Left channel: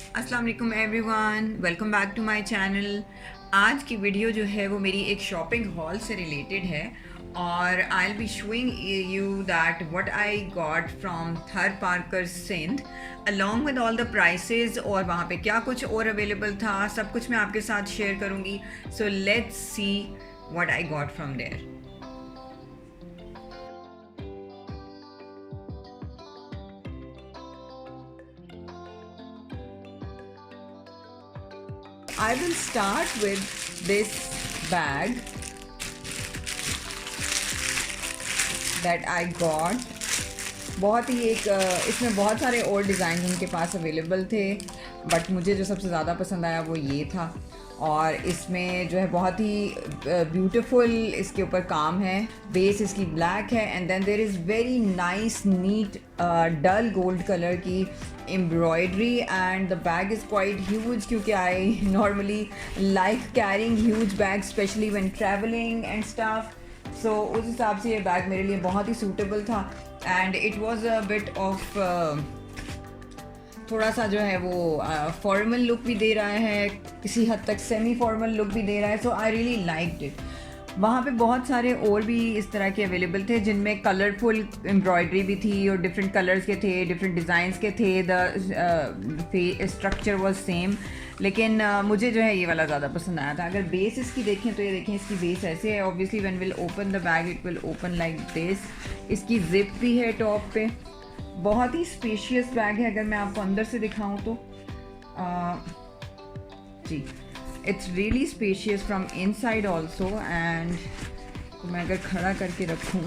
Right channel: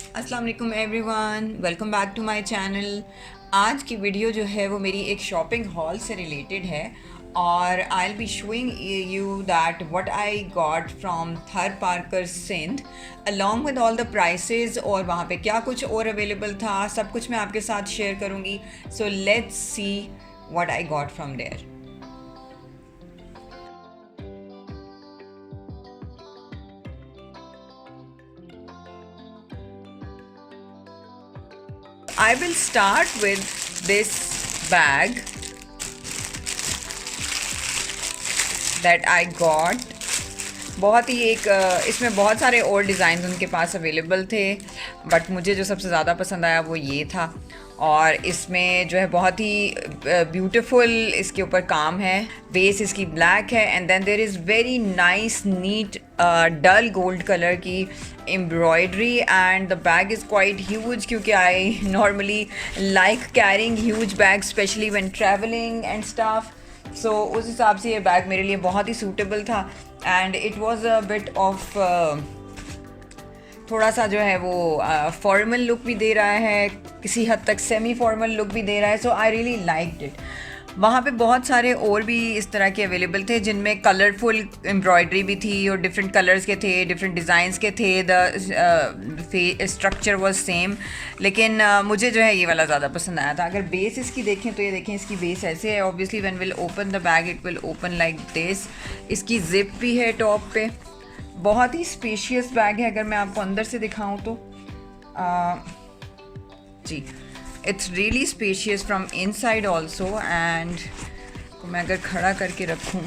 अस्सलाम वालेकुम everyone, welcome back to my channel. आज की वीडियो जो है वो मेरी एक शॉपिंग हॉल से रिलेटेड है और I will be showing you that what I got from Thar Parkar Sindh along with all the prices, और वहाँ पे क्या कुछ और अवेलेबल था, सब कुछ मैं आपके साथ शेयर करूँगी। So let's see what I got from there. I will start with this bag that I got. बहुत ही एक इसमें बहुत सारे और डिज़ाइन उनके पास अवेलेबल थे, बट मुझे जो सबसे ज़्यादा पसंद आया वो ये था। और इसमें जो है बहुत ही ब्यूटीफुल इसके ऊपर काम है। बेस इसकी ब्लैक है and then there is very nice neat dull gold colour की embroidery and the bag is quite huge, क्योंकि I normally like carrying huge bag specially when travelling and stuff. So उस हिसाब से ये bag मेरे लिए बहुत ही सूटेबल था and it was a bit of थोड़ा सा जो है वो फॉर्मल लुक भी दे रहा है, किसी हद तक सेमी फॉर्मल लुक भी दे रहा है। सो आई रियली लाइक्ड इट। वहाँ पे बहुत सारे और भी इस तरह के अवेलेबल थे जिनमें कलरफुल एम्ब्रॉयडरी भी थी और डिफरेंट कलर्स के थे, डिफरेंट डिज़ाइंस के थे। द स्ट्रक्चर वाज सेम, लेकिन मुझे जो है ये वाला ज़्यादा पसंद आया था। अगर बेस इसकी देखें तो ये देखें, इसकी बेस ऐसे है। Obviously when will open the bag it will open like this. इसकी जिप भी है टॉप पे। बहुत ही स्पेशियस बैग है। अगर मैं आपको अंदर से दिखाऊं तो जी, it's really spacious from inside also. And मैं अगर खड़ा करके रखूं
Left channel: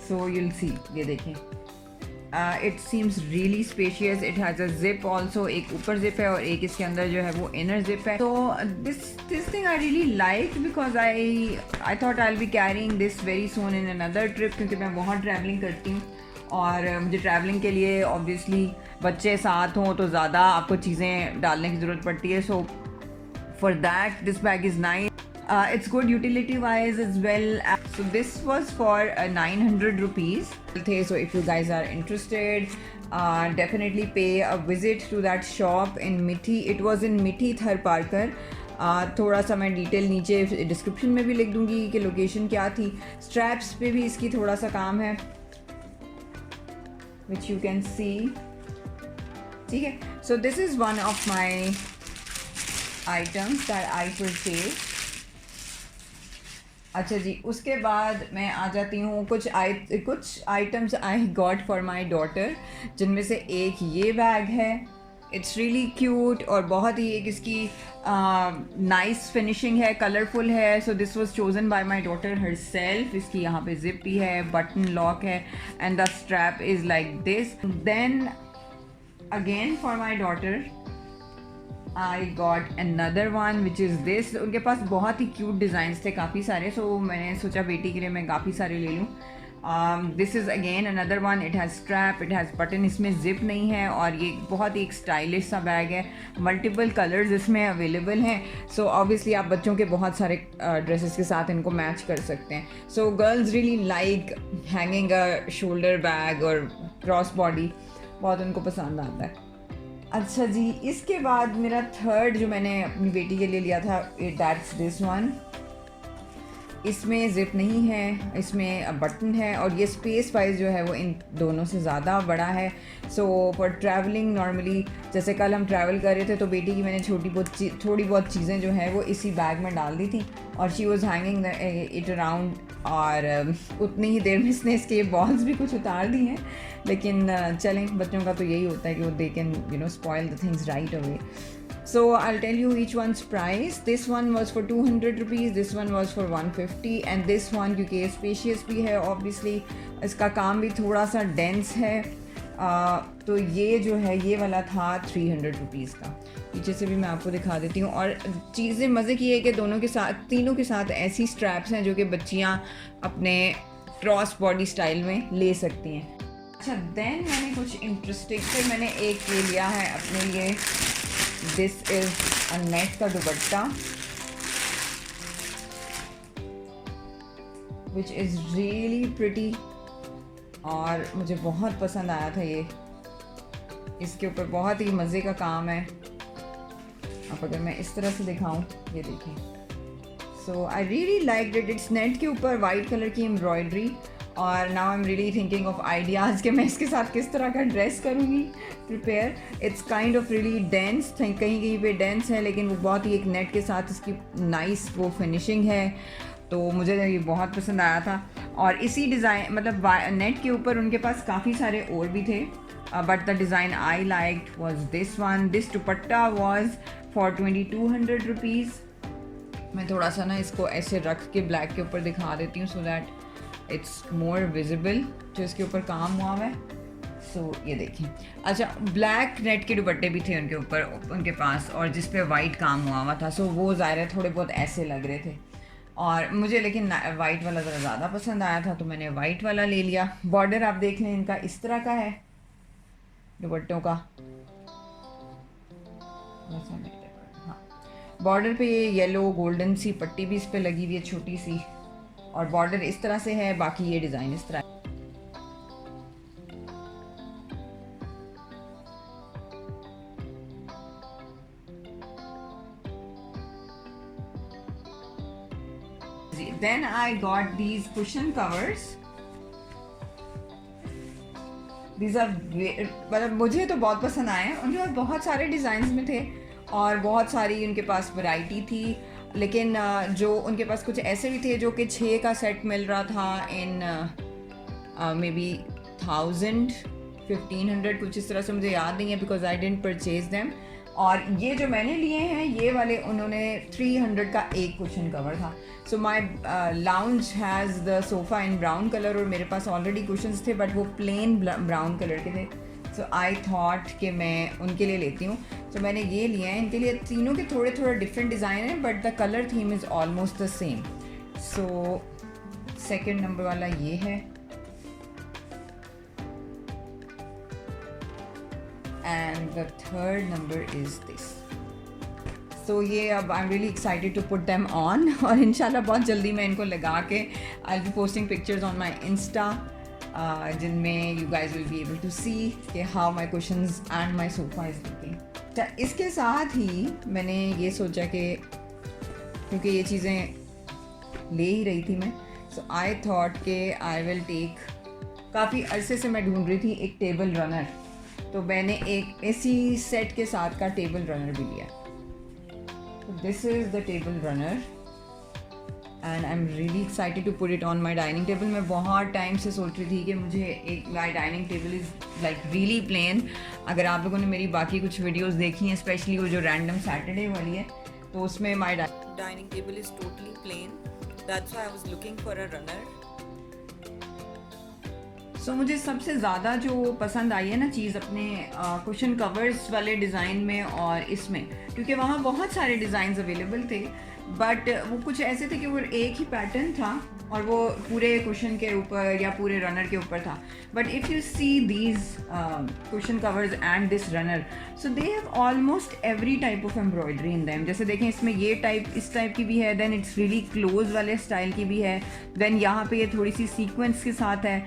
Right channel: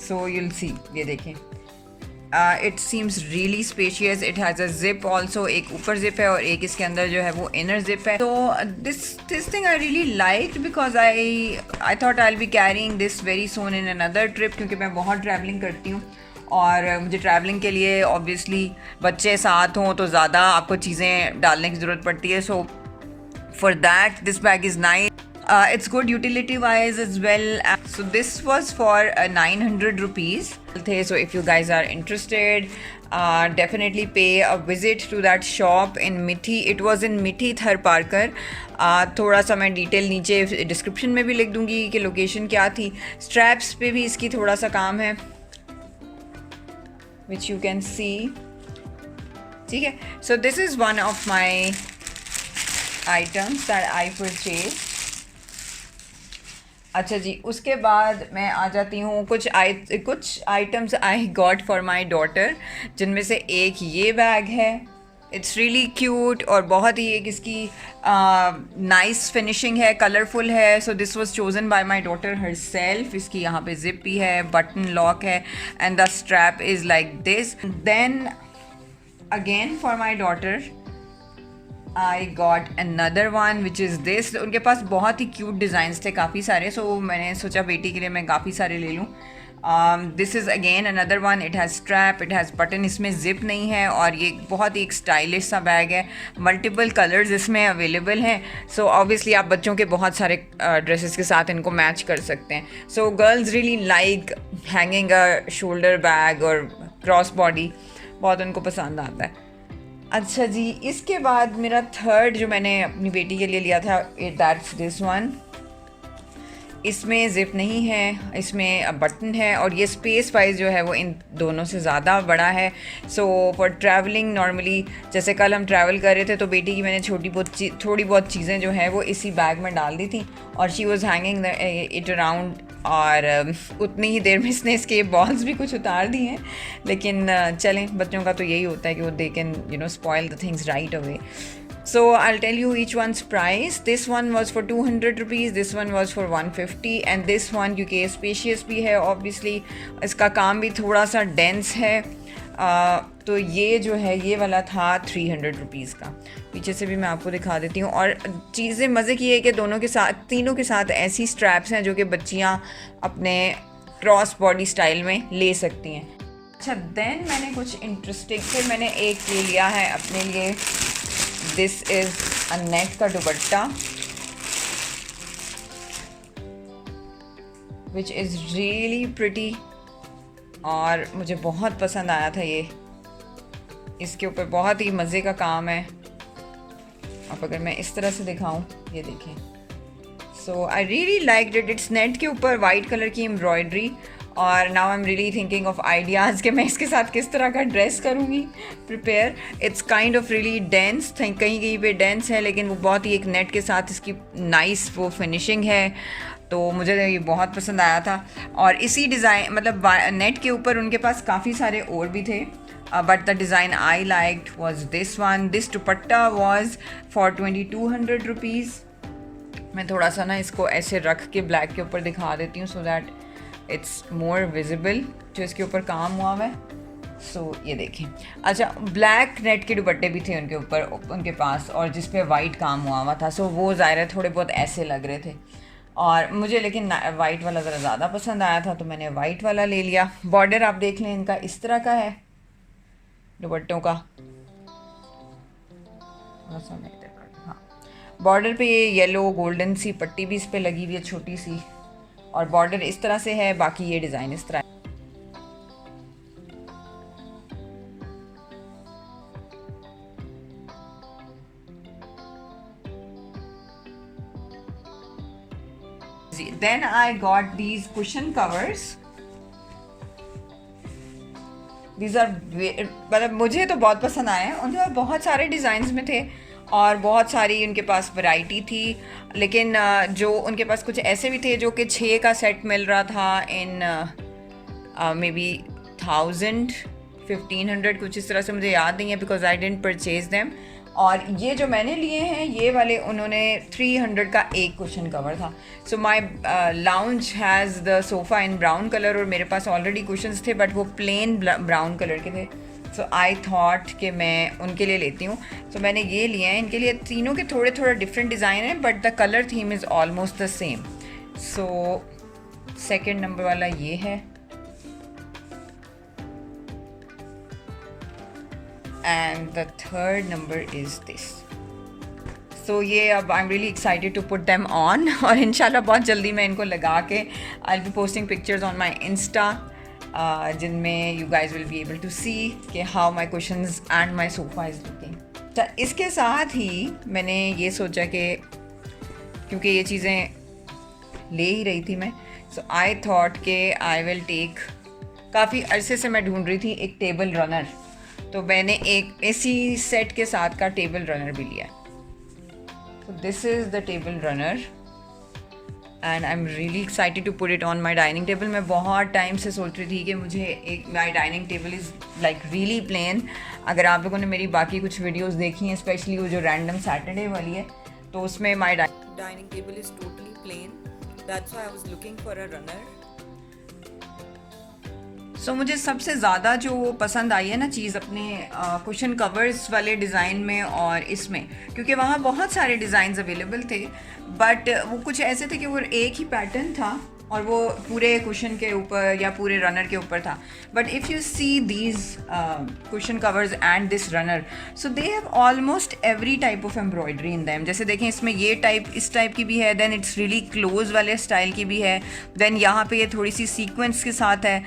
सो यूल सी, ये देखें, it seems really spacious. It has a zip also, एक ऊपर जिप है और एक इसके अंदर जो है वो इनर जिप है। तो this thing I really like because I thought I will be carrying this very soon in another trip, क्योंकि मैं बहुत ट्रैवलिंग करती हूँ और मुझे ट्रैवलिंग के लिए ऑब्वियसली बच्चे साथ हों तो ज़्यादा आपको चीज़ें डालने की ज़रूरत पड़ती है। सो for that this bag is nice. It's good utility wise as well. So this was for 900 rupees. So if you guys are interested, definitely pay a visit to that shop in Mithi. It was in Mithi Thar Parker. थोड़ा सा मैं detail नीचे description में भी लिख दूंगी कि location क्या थी। स्ट्रैप्स पे भी इसकी थोड़ा सा काम है which you can see. ठीक है, so this is one of my items that I purchased. अच्छा जी, उसके बाद मैं आ जाती हूँ कुछ items I got for my daughter, जिनमें से एक ये बैग है। इट्स रियली क्यूट और बहुत ही एक इसकी नाइस फिनिशिंग है, कलरफुल है। So this was chosen by my daughter herself. इसकी यहाँ पे जिप भी है, बटन लॉक है and the strap is like this. Then again for my daughter I got another one which is this. उनके पास बहुत ही क्यूट डिज़ाइंस थे काफ़ी सारे, सो मैंने सोचा बेटी के लिए मैं काफ़ी सारे ले लूँ। This is again another one. It has strap, it has button, इसमें जिप नहीं है और ये बहुत ही एक स्टाइलिश सा बैग है। मल्टीपल कलर्स इसमें अवेलेबल हैं। सो ऑब्वियसली आप बच्चों के बहुत सारे ड्रेसेस के साथ इनको मैच कर सकते हैं। So girls really like hanging अ शोल्डर बैग और क्रॉस बॉडी, बहुत उनको पसंद आता है। अच्छा जी, इसके बाद मेरा थर्ड जो मैंने अपनी बेटी के लिए लिया था, दैट्स दिस वन। इसमें ज़िप नहीं है, इसमें बटन है और ये स्पेस वाइज जो है वो इन दोनों से ज़्यादा बड़ा है। सो फॉर ट्रैवलिंग, नॉर्मली जैसे कल हम ट्रैवल कर रहे थे तो बेटी की मैंने थोड़ी बहुत चीज़ें जो हैं वो इसी बैग में डाल दी थी और she was hanging it around. और उतनी ही देर में इसने इसके बॉल्स भी कुछ उतार दिए हैं, लेकिन चलें, बच्चों का तो यही होता है कि वो they can spoil the things right away. So I'll tell you each one's price. This one was for 200 rupees, this one was for 150 and this one क्योंकि स्पेशियस भी है ऑब्वियसली, इसका काम भी थोड़ा सा डेंस है, तो ये जो है ये वाला था 300 रुपीज़ का। पीछे से भी मैं आपको दिखा देती हूँ। और चीज़ें मज़े की है कि दोनों के साथ, तीनों के साथ ऐसी स्ट्रैप्स हैं जो कि बच्चियाँ अपने क्रॉस बॉडी स्टाइल में ले सकती हैं। अच्छा, देन मैंने कुछ इंटरेस्टिंग, फिर मैंने एक ले लिया है अपने लिए। दिस इज अ नेट का दुपट्टा विच इज़ रियली प्रिटी और मुझे बहुत पसंद आया था ये। इसके ऊपर बहुत ही मज़े का काम है। अब अगर मैं इस तरह से दिखाऊं, ये देखिए, so I really like it. It's net के ऊपर वाइट कलर की एम्ब्रॉयडरी, और now I am really thinking of ideas कि मैं इसके साथ किस तरह का ड्रेस करूँगी prepare. It's kind of really dense, कहीं कहीं पे डेंस है, लेकिन वो बहुत ही एक नेट के साथ इसकी नाइस वो फिनिशिंग है, तो मुझे ये बहुत पसंद आया था। और इसी डिज़ाइन मतलब नेट के ऊपर उनके पास काफ़ी सारे और भी थे, but the design I liked was this one. This dupatta was for 2200 rupees. मैं थोड़ा सा ना इसको ऐसे रख के ब्लैक के ऊपर दिखा देती हूँ, so that it's more visible जो इसके ऊपर काम हुआ हुआ है। सो ये देखें। अच्छा, ब्लैक नेट के दुपट्टे भी थे उनके ऊपर, उनके पास, और जिस पे वाइट काम हुआ हुआ था, सो वो ज़ाहिर है थोड़े बहुत ऐसे लग रहे थे, और मुझे लेकिन वाइट वाला ज़रा ज़्यादा पसंद आया था, तो मैंने वाइट वाला ले लिया। बॉर्डर आप देख लें, इनका इस तरह का है दुपट्टों का। हाँ, बॉर्डर पे ये येलो गोल्डन सी पट्टी भी इस पे लगी हुई है, छोटी सी, और बॉर्डर इस तरह से है, बाकी ये डिज़ाइन इस तरह। Then I got these cushion covers. These are मतलब मुझे तो बहुत पसंद आए हैं। उनके पास बहुत सारे डिज़ाइंस में थे और बहुत सारी उनके पास वैरायटी थी, लेकिन जो उनके पास कुछ ऐसे भी थे जो कि 6 का सेट मिल रहा था इन मे बी 1500 कुछ इस तरह से, मुझे याद नहीं है because I didn't purchase them. और ये जो मैंने लिए हैं ये वाले उन्होंने 300 का एक कुशन कवर था। So my lounge has the sofa in brown colour, और मेरे पास ऑलरेडी कुशन्स थे बट वो प्लेन ब्राउन कलर के थे, सो आई थॉट कि मैं उनके लिए लेती हूँ। सो मैंने ये लिए हैं। इनके लिए तीनों के थोड़े थोड़े डिफरेंट डिज़ाइन हैं, but the colour theme is almost the same. So second number वाला ये है, and the third number is this. So ये अब I'm really excited to put them on और इंशाल्लाह बहुत जल्दी मैं इनको लगा के I'll be posting pictures on my Insta जिनमें you guys will be able to see कि how my cushions and my sofa is looking. अच्छा, इसके साथ ही मैंने ये सोचा कि क्योंकि ये चीज़ें ले ही रही थी मैं, so I thought कि I will take, काफ़ी अरसे से मैं ढूंढ रही थी एक टेबल रनर, तो मैंने एक इसी सेट के साथ का टेबल रनर भी लिया। तो this is the table runner and I am really excited to put it on my dining table. मैं बहुत टाइम से सोच रही थी कि मुझे एक, my dining table is like really plain. अगर आप लोगों ने मेरी बाकी कुछ वीडियोज़ देखी हैं, स्पेशली वो जो रैंडम सैटरडे वाली है, तो उसमें my dining table is totally plain, that's why I was looking for a runner. So मुझे सबसे ज़्यादा जो पसंद आई है ना चीज़ अपने कुशन कवर्स वाले डिज़ाइन में और इसमें, क्योंकि वहाँ बहुत सारे डिज़ाइंस अवेलेबल थे, बट वो कुछ ऐसे थे कि वो एक ही पैटर्न था और वो पूरे कुशन के ऊपर या पूरे रनर के ऊपर था। But if you see these cushion covers and this runner, so they have almost every type of embroidery in them. जैसे देखें, इसमें ये टाइप, इस टाइप की भी है, देन इट्स रियली क्लोज वाले स्टाइल की भी है, देन यहाँ पे ये थोड़ी सी सीक्वेंस के साथ है,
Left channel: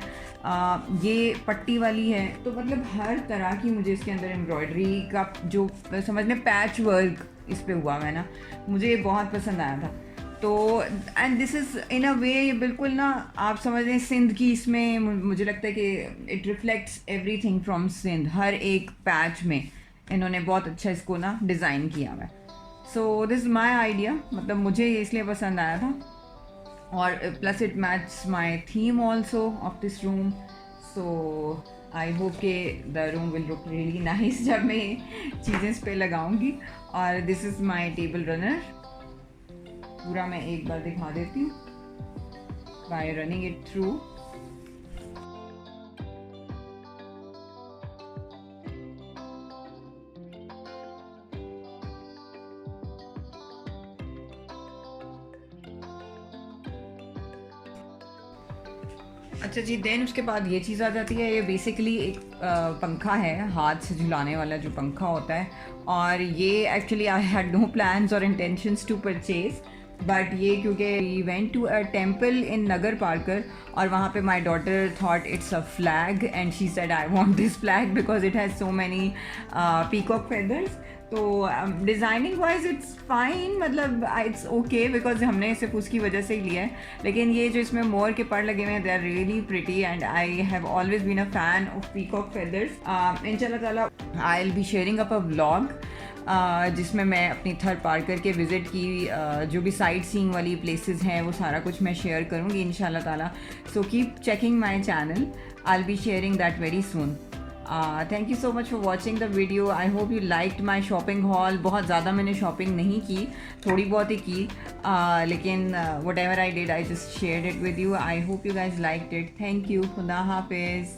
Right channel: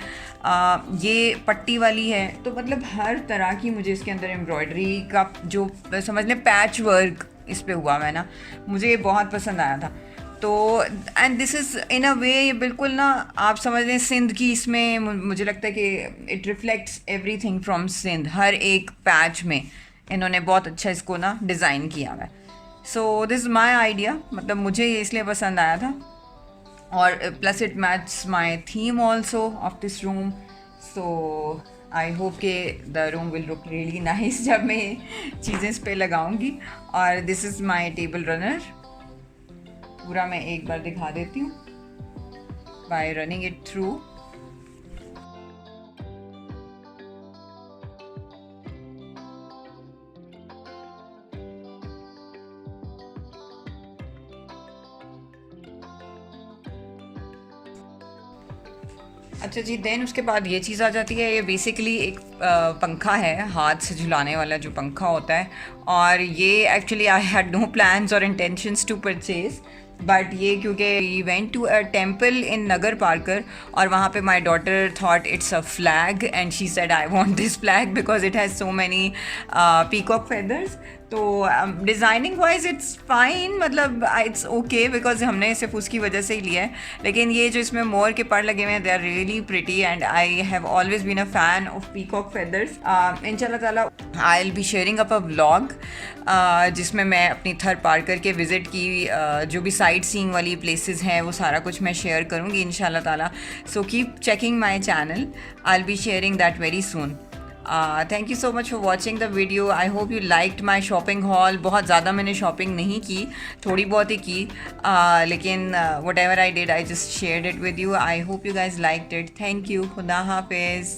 ये पट्टी वाली है। तो मतलब हर तरह की मुझे इसके अंदर एम्ब्रॉयडरी का जो समझ लें पैच वर्क इस पे हुआ है ना, मुझे ये बहुत पसंद आया था। तो एंड दिस इज़ इन अ वे बिल्कुल ना आप समझ लें सिंध की, इसमें मुझे लगता है कि it reflects everything from Sindh. हर एक पैच में इन्होंने बहुत अच्छा इसको ना डिज़ाइन किया हुआ है। So this is my idea, मतलब मुझे इसलिए पसंद आया था, और plus it match my theme also of this room. So I hope के the room will look really nice जब मैं चीज़ें इस पर लगाऊंगी। और this is my table runner, पूरा मैं एक बार दिखा देती हूँ बाय रनिंग इट थ्रू। अच्छा जी, देन उसके बाद ये चीज़ आ जाती है, ये बेसिकली एक पंखा है, हाथ से झुलाने वाला जो पंखा होता है, और ये actually I had no plans और इंटेंशंस टू परचेज, बट ये क्योंकि we went to a temple in Nagar Parkar और वहाँ पे my daughter thought it's a flag and she said I want this flag because it has so many peacock feathers. तो designing wise it's fine, मतलब it's okay because हमने सिर्फ उसकी वजह से ही लिया है. लेकिन ये जो इसमें मोर के पर लगे हुए हैं, they are really pretty and I have always been a fan of peacock feathers. इंशाल्लाह ताला I will be sharing up a vlog जिसमें मैं अपनी थर पार्कर के विज़िट की जो भी साइट सीइंग वाली प्लेसेस हैं वो सारा कुछ मैं शेयर करूँगी इंशाल्लाह ताला. So keep checking my channel, I will be sharing that very soon. Thank you so much for watching the video. I hope you liked my shopping hall. बहुत ज़्यादा मैंने शॉपिंग नहीं की, थोड़ी बहुत ही की, लेकिन what ever I did I just shared it with you. I hope you guys liked it. Thank you. खुदा हाफिज़.